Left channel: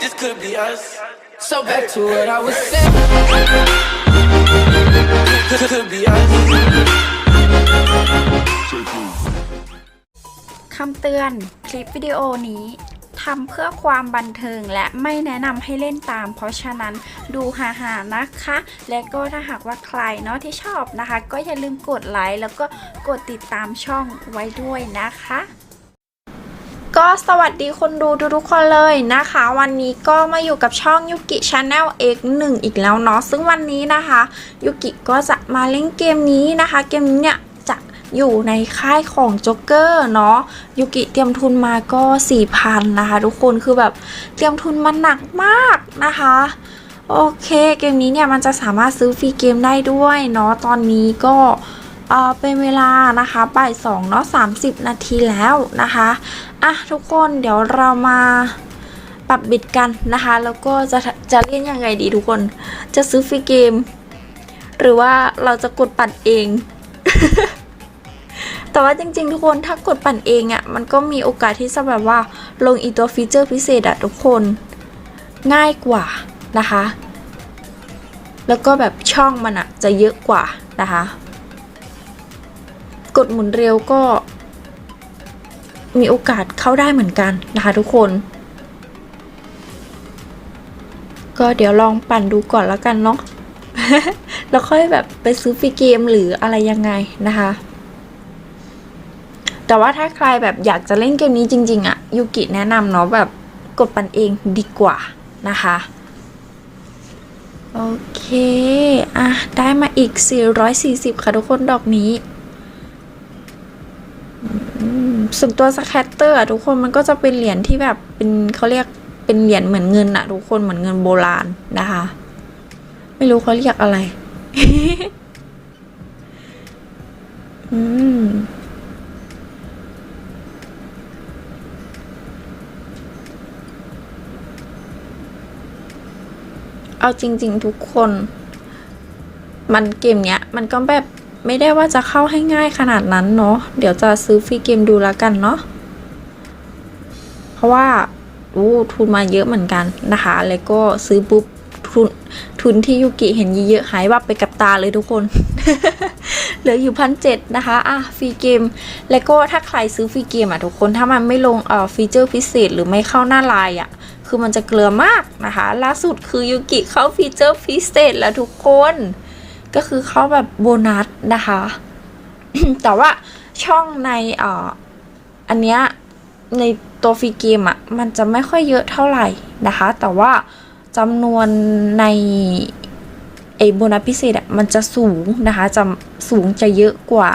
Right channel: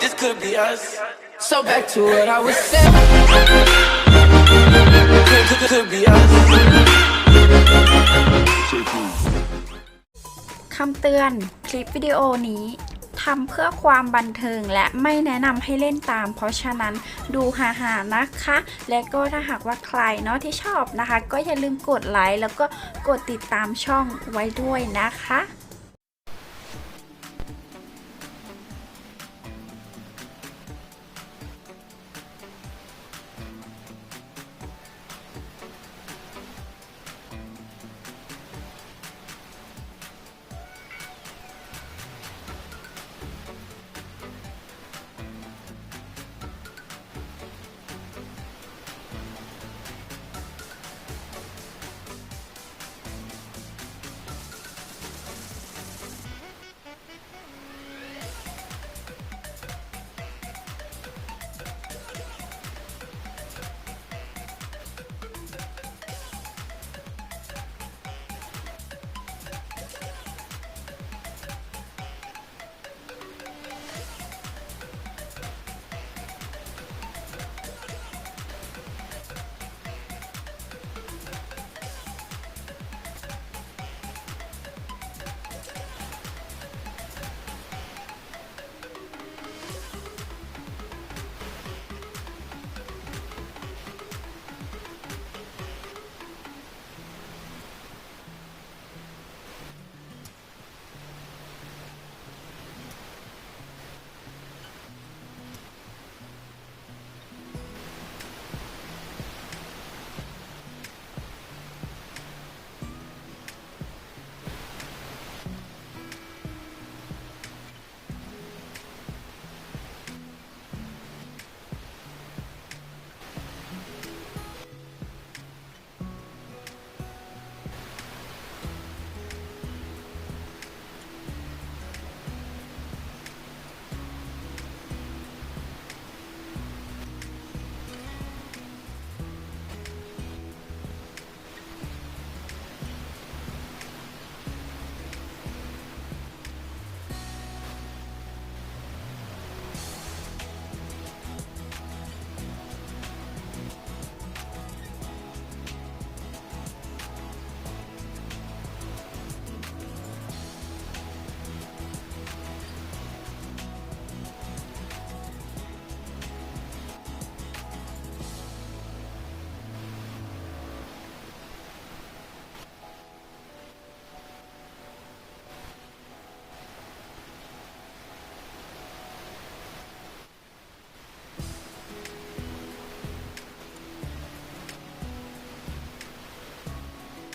this could be us. So back to what I was saying. Could, could, could be us. คำเตือน คลิปวิดีโอนี้ทำเพื่อความบันเทิงและไม่แนะนำให้เล่นตาม เพราะฉะนั้นดูหาๆนะคะ และก็ถ้าหากว่าใครเนาะที่ชอบนะคะ ก็อย่าลืมกดไลค์แล้วก็กดติดตามช่องไว้ด้วยนะคะ ก็สวัสดีคนดูทุกๆคนเลยนะคะ วันนี้ก็มาอยู่กับช่องยุกิชาแนล X1 อีกแล้วเนาะซึ่งวันนี้นะคะยุกิก็จะมาเล่นเกมนี้นะคะ เกมนี้เนี่ยจะอยู่ในค่ายของจ็กเกอร์เนาะยุกิเตรียมทุนมาก็4,000นะคะ ทุกคนคือแบบเตรียมทุนมาหนักมากนะคะโอเคเกมนี้เนี่ยมันจะสามารถซื้อฟรีเกมได้ด้วยเนาะตอนนี้ก็เป็นเวลานะคะบ่ายสองเนาะ30นาทีแล้วนะคะ อะทุกคนเดี๋ยวเรามาปรับบิดกันนะคะ แล้วก็จะจะเล่นยังไงดีทุกคน จะซื้อฟรีเกม หรือว่าเราจะกดปั่นเอง แต่ว่าจริงๆ ทุกคนถ้ากดปั่นเองอะ่ะมันก็มีโอกาสที่จะแบบว่าลงอีตัวฟีเจอร์พิเศษอะทุกคนง่ายกว่านะคะ แล้วก็แบบช่องมันอะจะเยอะกว่านะคะ กดหมุนเร็วก็ มีโอกาสเข้าได้เหมือนกันนะคะทุกคน ก็เดี๋ยวลองปั่นดูก่อนแล้วกันเนาะแล้วค่อยแบบไปซื้อฟรีเกมหรืออะไรยังไงนะคะ แต่ว่าถ้าใครแบบอยากจะเล่นเกมนี้จริง ๆอะยูกิแนะนำเนาะแบบกดปั่นเองดีกว่านะคะโอเค อะ ได้มาอีก 440 ค่ะทุกคนดอกนี้ ส่วนตัวสแคตเตอร์อะทุกคนมันก็จะเป็นเหรียญที่แบบเป็นเขาเรียกเป็นเหรียญเหมือนเงินอะทุกคนเหมือนเงินโบราณนะคะ ไม่รู้เขาเรียกอะไร อืมเอาจริง ๆ ทุกคน มันเกมเนี้ย มันก็แบบ ไม่ได้ว่าจะเข้าให้ง่ายขนาดนั้นเนาะเดี๋ยวจะซื้อฟรีเกมดูแล้วกันเนาะเพราะว่าอู้ทุนมาเยอะเหมือนกันนะคะ แล้วก็ซื้อปุ๊บทุนทุนที่ยูกิเห็นเยอะๆหายวับไปกับตาเลยทุกคน เหลืออยู่พันเจ็ดนะคะอะฟรีเกม แล้วก็ถ้าใครซื้อฟรีเกมอะทุกคนถ้ามันไม่ลงเอ่อฟีเจอร์พิเศษหรือไม่เข้าหน้าไลน์อะ คือมันจะเกลือมากนะคะ ล่าสุดคือยูกิเข้าฟีเจอร์พิเศษแล้วทุกคน ก็คือเข้าแบบโบนัสนะคะ แต่ว่าช่องในอ่ออันเนี้ยในตัวฟรีเกมอะ่ะ มันจะไม่ค่อยเยอะเท่าไหร่นะคะ แต่ว่าจำนวนในไอโบนัสพิเศษอะ่ะมันจะสูงนะคะจะสูงจะเยอะกว่า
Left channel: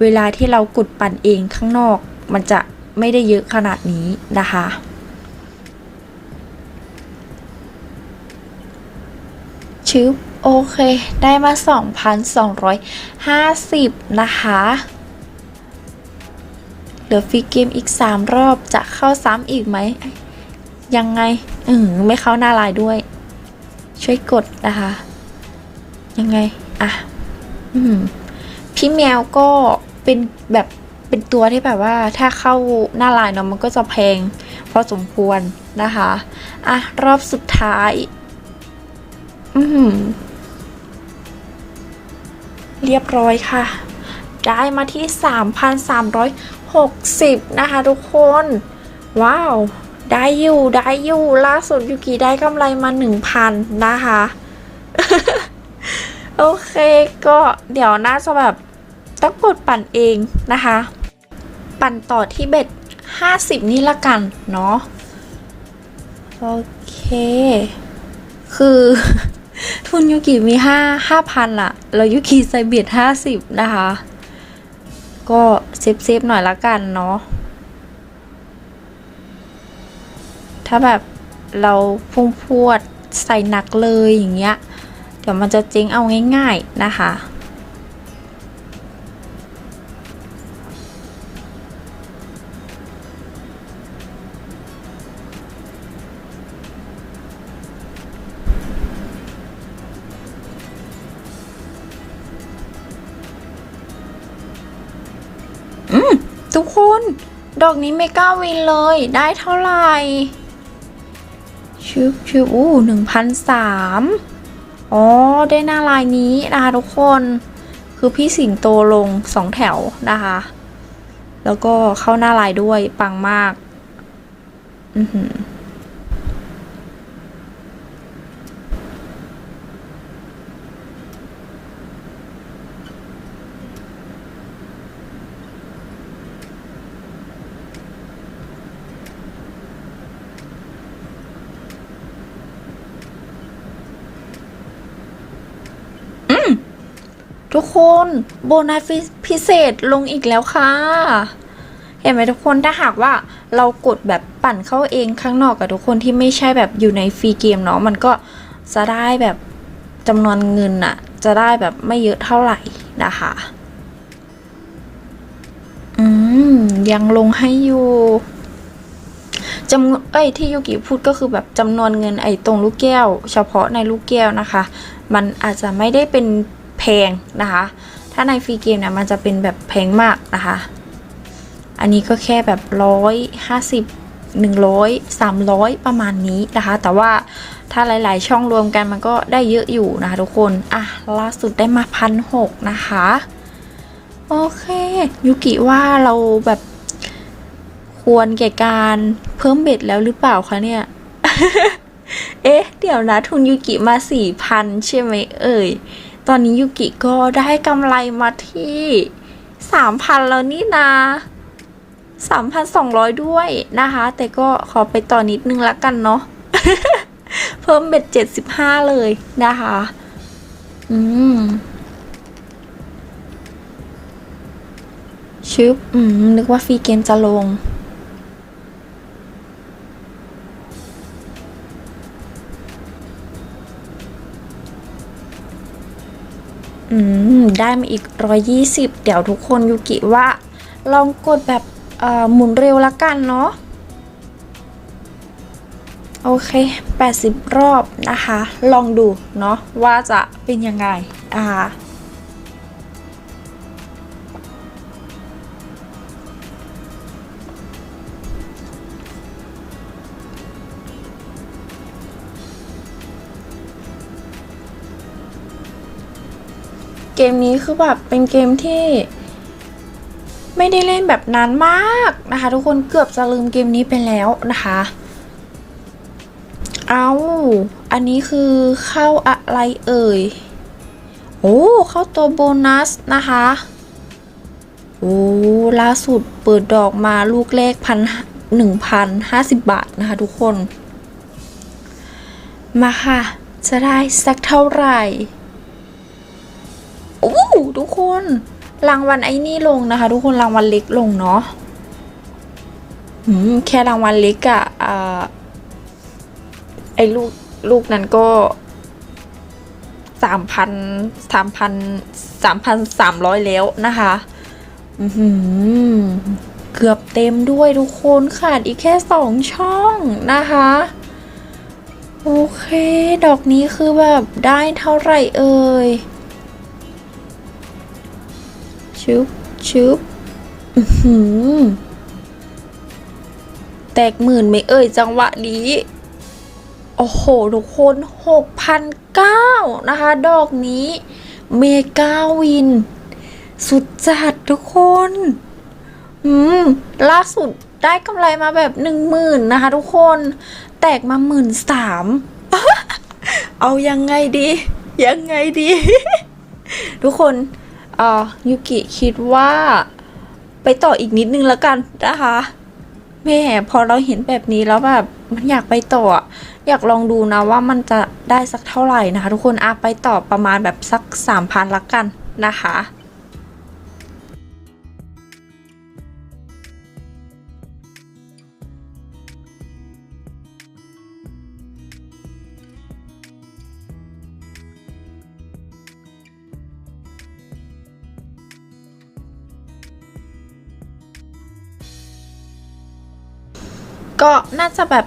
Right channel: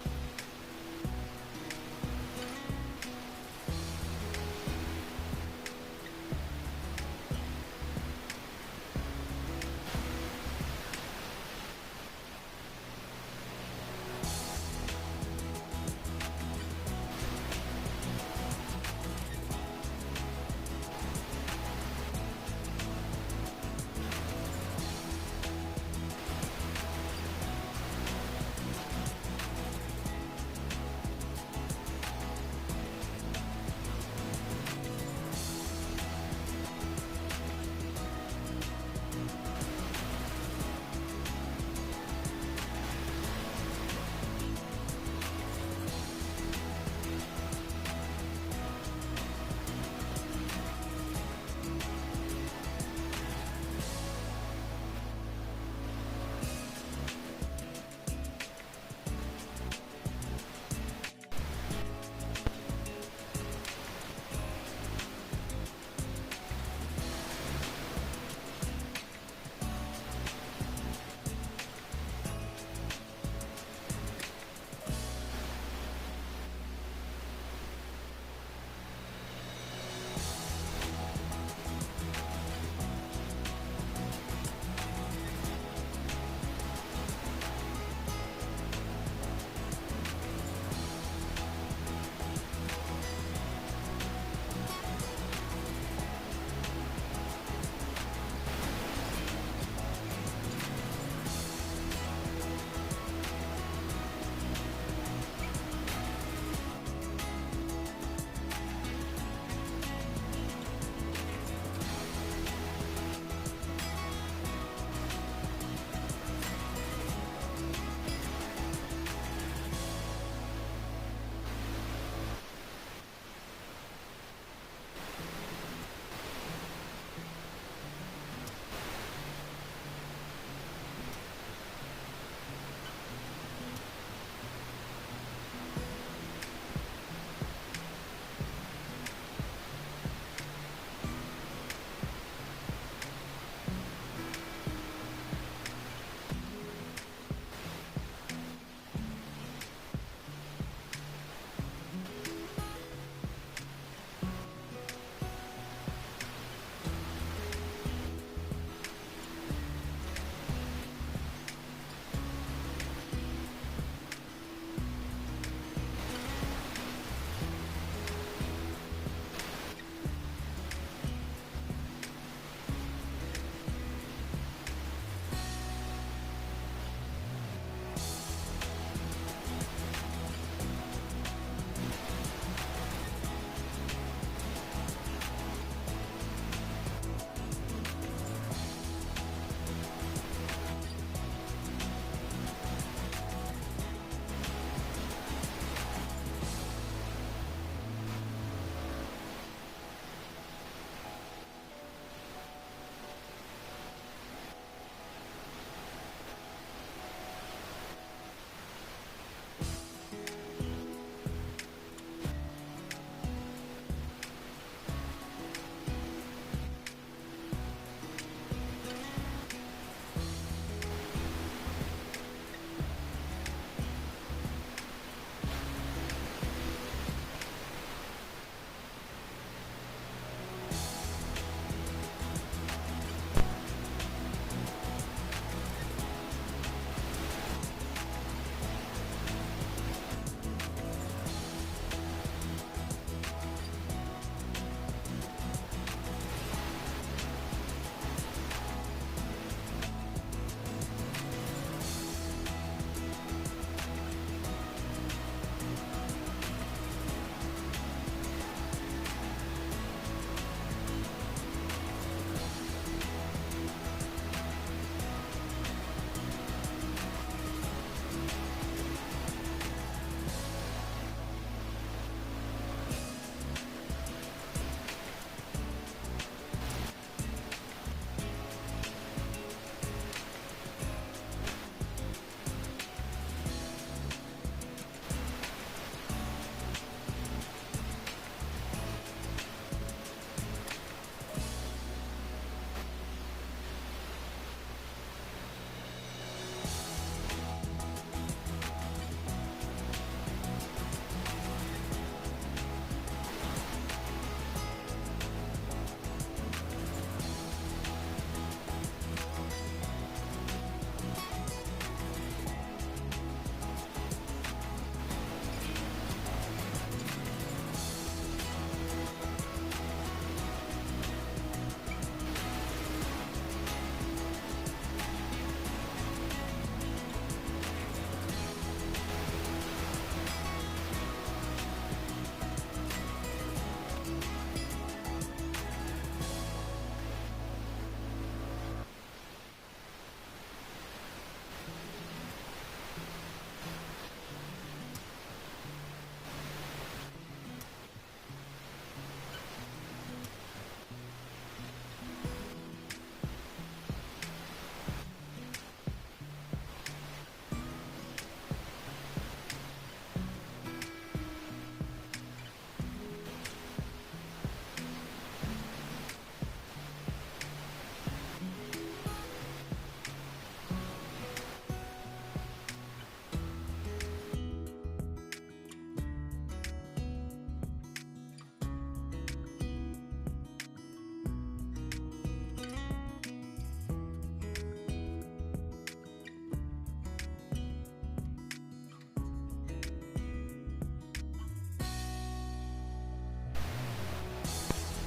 เวลาที่เรากดปั่นเองข้างนอก มันจะไม่ได้เยอะขนาดนี้นะคะชึบ โอเค ได้มา 2,250 นะคะ เหลือฟรีเกมอีก 3 รอบจะเข้าซ้ำอีกไหม ยังไง อืมไม่เข้าหน้าลน์ด้วย ช่วยกดนะคะ ยังไง อะ อืม พี่แมวก็เป็นแบบเป็นตัวที่แบบว่าถ้าเข้าหน้าลน์เนาะมันก็จะแพงพอสมควรนะคะ อะ รอบสุดท้าย อืม เรียบร้อยค่ะ ได้มาที่ 3,360 นะคะทุกคน ว้าว ได้อยู่ได้อยู่ ล่าสุดยูกิได้กำไรมา 1,000 นะคะ โอเคก็เดี๋ยวน่าจะแบบต้องกดปั่นเองนะคะ ปั่นต่อที่เบ็ด 50 นี่ละกันเนาะโอเค คือ ทุนยูกิมีห้าห้าพันละแล้วยูกิใส่เบียดห้าสิบนะคะ ก็เซฟเซฟหน่อยละกันเนาะ ถ้าแบบเราพุ่งพวดใส่หนักเลยอย่างเงี้ย เดี๋ยวมันจะเจ๊งเอาง่ายๆนะคะ ดอกนี้ไม่กล้าวินเลย ได้เท่าไหร่ชิบชิบอู้หนึ่งพันสามอ๋อ ได้หน้าลายนี้นะคะทุกคน คือพี่สิงโตลงสองแถวนะคะ แล้วก็เข้าหน้าลายด้วย ปังมาก อือหือ ทุกคนโบนัสพิเศษลงอีกแล้วค่ะ เห็นไหมทุกคนถ้าหากว่าเรากดแบบปั่นเข้าเองข้างนอกกับทุกคนที่ไม่ใช่แบบอยู่ในฟรีเกมเนาะมันก็จะได้แบบจำนวนเงินอะจะได้แบบไม่เยอะเท่าไหร่นะคะอืมยังลงให้อยู่จำนวนเอ้ยที่ยูกิพูดก็คือแบบจำนวนเงินไอ้ตรงลูกแก้ว เฉพาะในลูกแก้วนะคะ มันอาจจะไม่ได้เป็น พงนะคะ ถ้าในฟรีเกมเนี่ยมันจะเป็นแบบแพงมากนะคะ อันนี้ก็แค่แบบร้อยห้าสิบหนึ่งร้อยสามร้อยประมาณนี้นะคะ แต่ว่าถ้าหลาย ๆ ช่องรวมกันมันก็ได้เยอะอยู่นะคะทุกคน อะ ล่าสุดได้มาพันหกนะคะ โอเคยูกิว่าเราแบบควรแก่การเพิ่มเบ็ดแล้วหรือเปล่าคะเนี่ย เอ๊ะ เดี๋ยวนะ ทุนยูกิมาสี่พันใช่ไหมเอ่ย ตอนนี้ยูกิก็ได้กำไรมาที่สามพันแล้วนี่นาสามพันสองร้อยด้วยนะคะ แต่ก็ขอไปต่อนิดนึงละกันเนาะเพิ่มเบ็ดเจ็ดสิบห้าเลยนะคะ อืมชึบอืมนึกว่าฟรีเกมจะลง อืมได้มาอีก 120 เดี๋ยวทุกคนยูกิว่า ลองกดแบบหมุนเร็วละกันเนาะโอเค 80 รอบนะคะ ลองดูเนาะว่าจะเป็นยังไงอ่า เกมนี้คือแบบเป็นเกมที่ ไม่ได้เล่นแบบนานมากนะคะ ทุกคนเกือบจะลืมเกมนี้ไปแล้วนะคะ เอาอันนี้คือเข้าอะไรเอ่ย โอ้เข้าตัวโบนัสนะคะโอ้ล่าสุดเปิดดอกมาลูกแรกพันหนึ่งพันห้าสิบบาทนะคะทุกคน มาค่ะ จะได้สักเท่าไหร่ โอ้ทุกคนรางวัลไอ้นี่ลงนะคะ ทุกคนรางวัลเล็กลงเนาะอืมแค่รางวัลเล็กอะอ่าไอ้ลูกลูกนั้นก็สามพันสามพันสามพันสามร้อยแล้วนะคะอือเกือบเต็มด้วยทุกคนขาดอีกแค่สองช่องนะคะโอเค ดอกนี้คือแบบได้เท่าไหร่เอ่ย ชึบชึบหือแตกหมื่นไม่เอ่ยจังหวะนี้ โอ้โห ทุกคนหกพันเก้านะคะ ดอกนี้เมกาวิน สุดจัดทุกคนอืมล่าสุดได้กำไรมาแบบหนึ่งหมื่นนะคะทุกคน แตกมาหมื่นสามเอายังไงดี ยังไงดี ทุกคน อ่อยูกิคิดว่า ไปต่ออีกนิดนึงแล้วกันนะคะแม่พอเราเห็นแบบนี้แล้วแบบมันอยากไปต่ออะอยากลองดูนะว่ามันจะได้สักเท่าไหร่นะคะ ทุกคนอาไปต่อประมาณแบบสักสามพันละกันนะคะ ก็น่าจะแบบ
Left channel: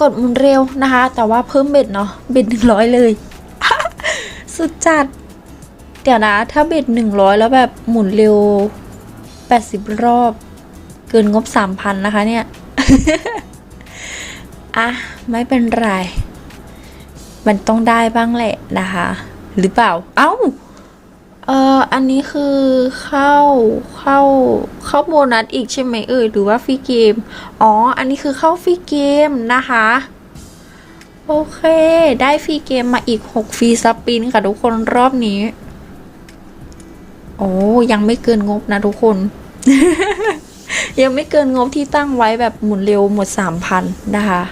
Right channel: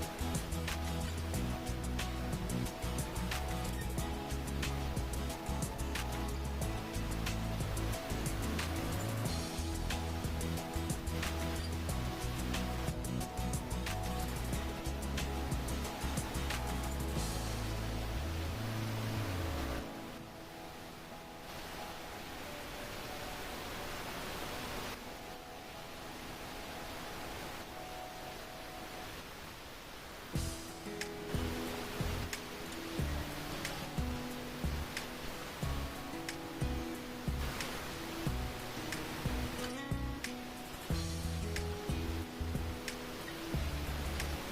กดหมุนเร็วนะคะ แต่ว่าเพิ่มเบ็ดเนาะเบ็ดหนึ่งร้อยเลย สุดจัด เดี๋ยวนะ ถ้าเบ็ดหนึ่งร้อยแล้วแบบหมุนเร็วแปดสิบรอบ เกินงบสามพันนะคะเนี่ย อะ ไม่เป็นไร มันต้องได้บ้างแหละนะคะ หรือเปล่า เอ้า เอ่ออันนี้คือเข้าเข้าเข้าโบนัสอีกใช่ไหมเอ่ยหรือว่าฟรีเกม อ๋อ อันนี้คือเข้าฟรีเกมนะคะ โอเค ได้ฟรีเกมมาอีก 6 ฟรีสปินค่ะทุกคนรอบนี้ โอ้ยังไม่เกินงบนะทุกคน ยังไม่เกินงบที่ตั้งไว้แบบหมุนเร็วหมด 3,000 นะคะ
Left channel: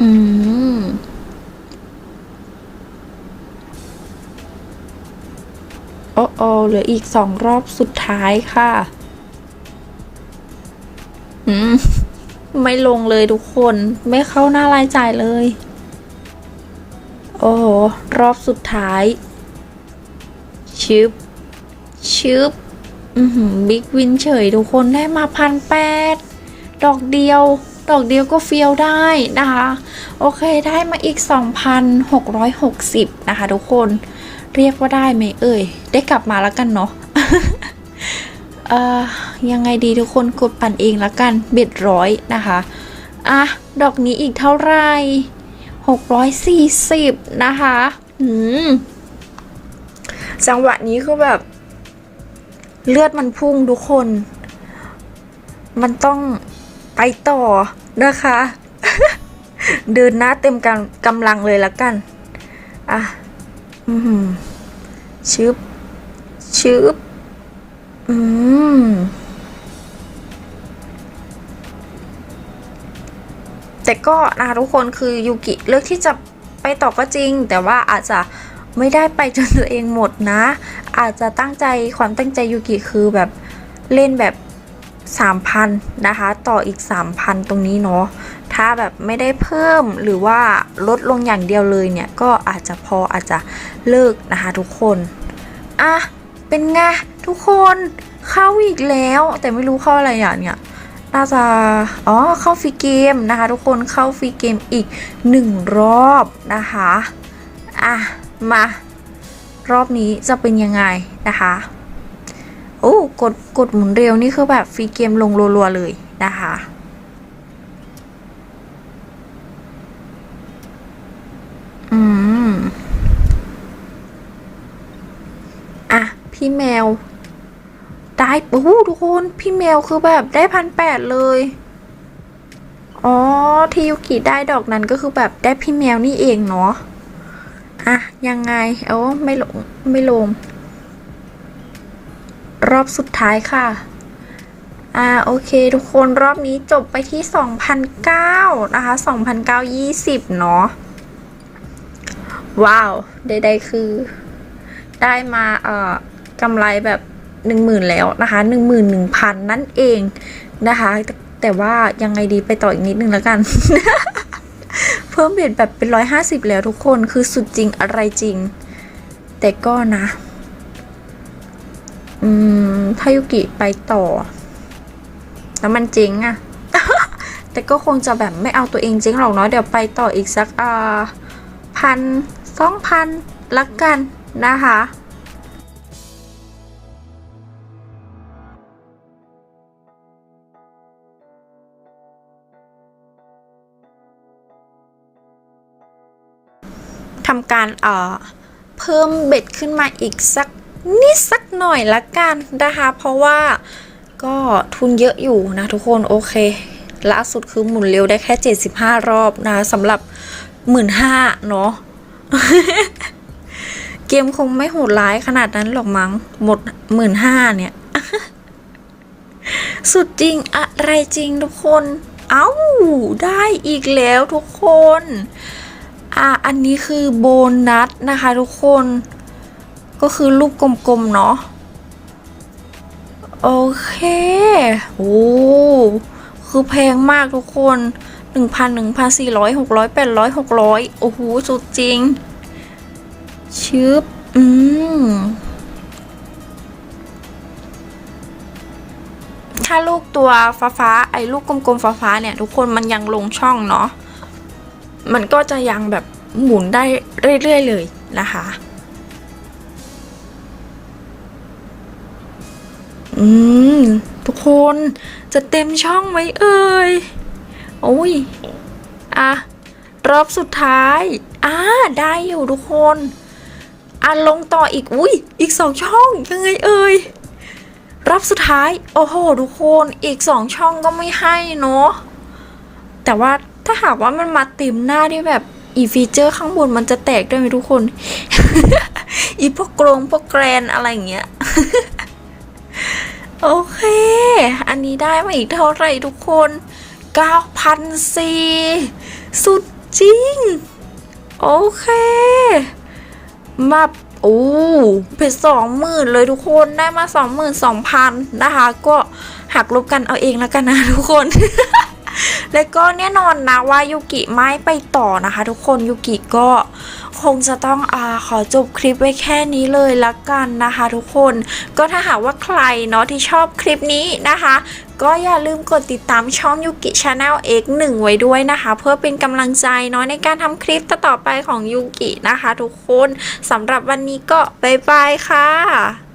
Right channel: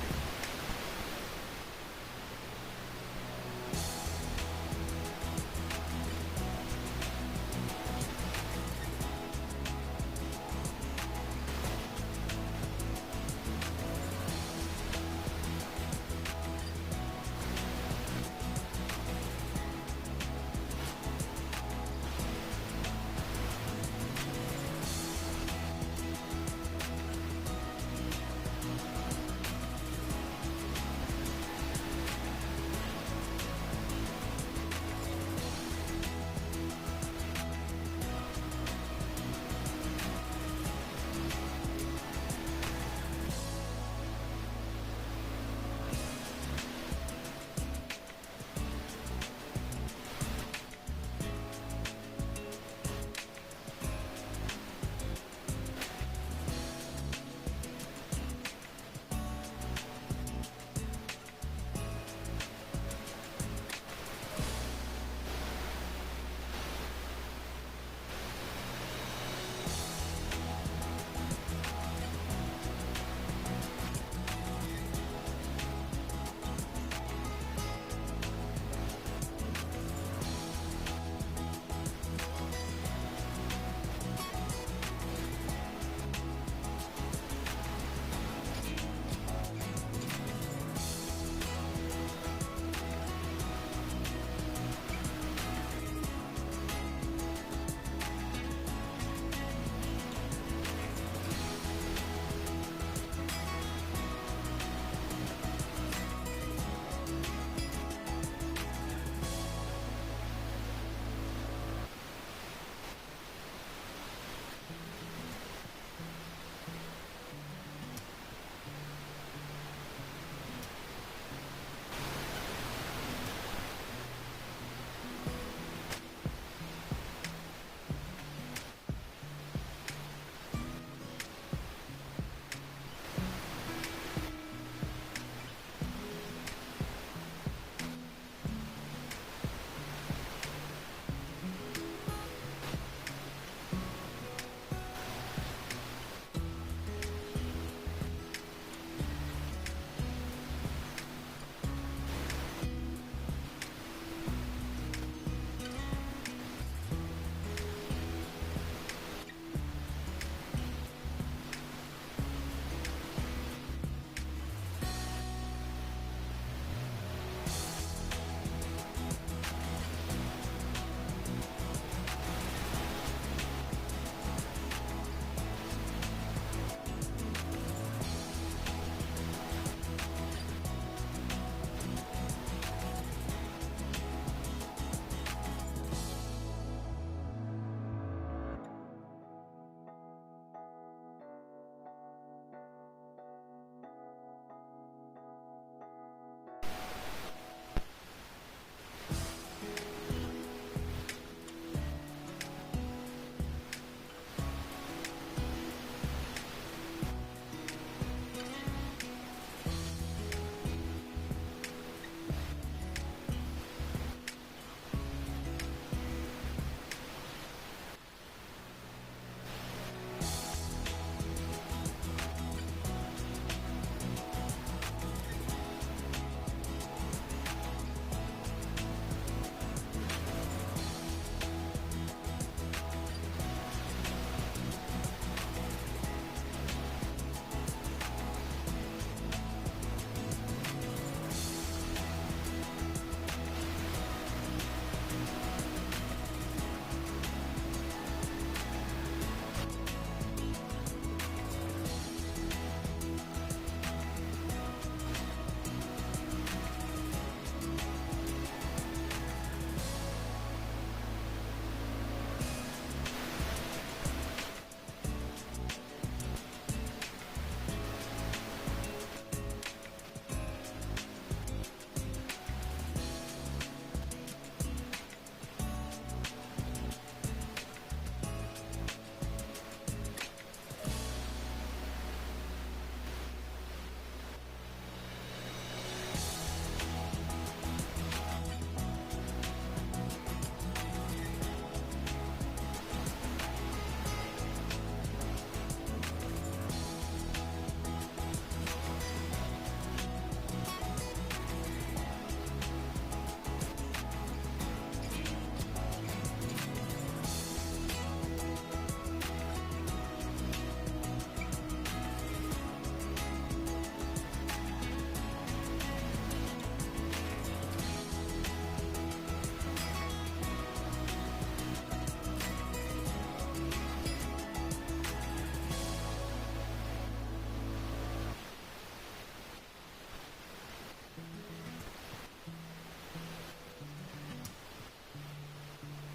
อืม โอ้โอเหลืออีกสองรอบสุดท้ายค่ะอืมไม่ลงเลยทุกคนไม่เข้าหน้ารายจ่ายเลย โอ้โห รอบสุดท้าย ชึบ ชึบอือหือบิ๊กวินเฉยทุกคนได้มาพันแปดดอกเดียว ดอกเดียวก็เฟียวได้นะคะ โอเคได้มาอีก 2,660 นะคะทุกคน เรียกว่าได้ไหมเอ่ย ได้กลับมาแล้วกันเนาะยังไงดีทุกคนกดปั่นเองแล้วกันเบ็ดร้อยนะคะ อะ ดอกนี้อีกเท่าไหร่640 นะคะอืมจังหวะนี้คือแบบ เลือดมันพุ่งทุกคน มันต้องไปต่อนะคะ เดินหน้าเต็มกำกำลังเลยละกัน อะ อือหือชึบชึบอืมแต่ก็นะคะทุกคนคือยูกิเลือกที่จะไปต่อก็จริง แต่ว่าอาจจะไม่ได้ไปจนตัวเองหมดนะ อาจจะตั้งใจความตั้งใจยูกิคือแบบเล่นแบบ 3,000 นะคะ ต่ออีก 3,000 ตรงนี้เนาะาแบบไม่ได้เพิ่มหรือว่าลดลงอย่างเดียวเลยเนี่ย ก็อาจจะพออาจจะเลิกนะคะทุกคน อะ เป็นไงทุกคนเข้าอีกแล้ว แต่ไม่รู้เข้าอะไรอะเนี่ยน่าจะอ๋อเข้าฟรีเกมนะคะ ทุกคนเข้าฟรีเกมอีกหนึ่งรอบนะคะอะมารอบนี้จะเป็นยังไงนะคะโอ้กดกดหมุนเร็วนี่คือแบบฟรีเกมลงรัวๆเลยนะคะ อืม อะ พี่แมว ได้โอ้โหทุกคนพี่แมวคือแบบได้พันแปดเลย อ๋อ ที่ยุกิได้ดอกนั้นก็คือแบบได้พี่แมวนี่เองเนาะอะ ยังไง เอ้าไม่ลง ไม่ลง รอบสุดท้ายค่ะอ่าโอเคทุกคนรอบนี้จบไปที่ 2,009นะคะ2,920 เนาะว้าว ใดๆคือได้มาเอ่อ กำไรแบบหนึ่งหมื่นแล้วนะคะหนึ่งหมื่นหนึ่งพันนั่นเองนะคะ แต่ว่ายังไงดีไปต่ออีกนิดนึงแล้วกัน เพิ่มเบ็ดแบบเป็นร้อยห้าสิบแล้วทุกคนคือสุดจริงอะไรจริง แต่ก็นะ อืมถ้ายุกิไปต่อ แล้วมันจริงอะแต่ก็คงจะแบบไม่เอาตัวเองจริงหรอกเนาะเดี๋ยวไปต่ออีกสักอ่าพันสองพันละกันนะคะ ทำการเอ่อเพิ่มเบ็ดขึ้นมาอีกสักนิดสักหน่อยละกันนะคะ เพราะว่าก็ทุนเยอะอยู่นะทุกคนโอเคล่าสุดคือหมุนเร็วได้แค่ 75 รอบนะสำหรับ15,000เนาะเกมคงไม่โหดร้ายขนาดนั้นหรอกมั้งหมด15,000เนี่ย สุดจริงอะไรจริงทุกคน เอ้า ได้อีกแล้วทุกคน อะอันนี้คือโบนัสนะคะทุกคน ก็คือรูปกลมๆเนาะ โอเค โอ้คือแพงมากทุกคนหนึ่งพันหนึ่งพันสี่ร้อยหกร้อยแปดร้อยหกร้อยโอ้โห สุดจริง ชึบ อืม ถ้าลูกตัวฟ้าฟ้าๆไอ้ลูกกลมๆฟ้าฟ้าๆเนี่ย ทุกคนมันยังลงช่องเนาะ มันก็จะยังแบบหมุนได้เรื่อยๆเลยนะคะ อืม ทุกคนจะเต็มช่องไหมเอ่ย โอ้ย อะ รอบสุดท้าย อ่า ได้อยู่ทุกคนอะลงต่ออีก อุ้ย อีกสองช่องยังไงเอ่ย รอบสุดท้าย โอ้โห ทุกคน อีกสองช่องก็ไม่ให้เนาะแต่ว่า ถ้าหากว่ามันมาต็มหน้าที่แบบอีฟีเจอร์ข้างบนมันจะแตกได้ไหมทุกคน อีพวกกรงพวกแกรนอะไรอย่างเงี้ย โอเค อันนี้ได้มาอีกเท่าไหร่ทุกคน 9,004สุดจริง โอเค มาโอ้เป็นสองหมื่นเลยทุกคนได้มาสองหมื่นสองพันนะคะ ก็หักลบกันเอาเองแล้วกันนะทุกคน แล้วก็แน่นอนนะว่ายูกิไม่ไปต่อนะคะ ทุกคนยูกิก็คงจะต้องอาขอจบคลิปไว้แค่นี้เลยละกันนะคะ ทุกคนก็ถ้าหากว่าใครเนาะที่ชอบคลิปนี้นะคะ ก็อย่าลืมกดติดตามช่องยูกิชาแนล X1 ไว้ด้วยนะคะ เพื่อเป็นกำลังใจเนาะในการทำคลิปต่อไปของยูกินะคะ ทุกคนสำหรับวันนี้ก็บ๊ายบายค่ะ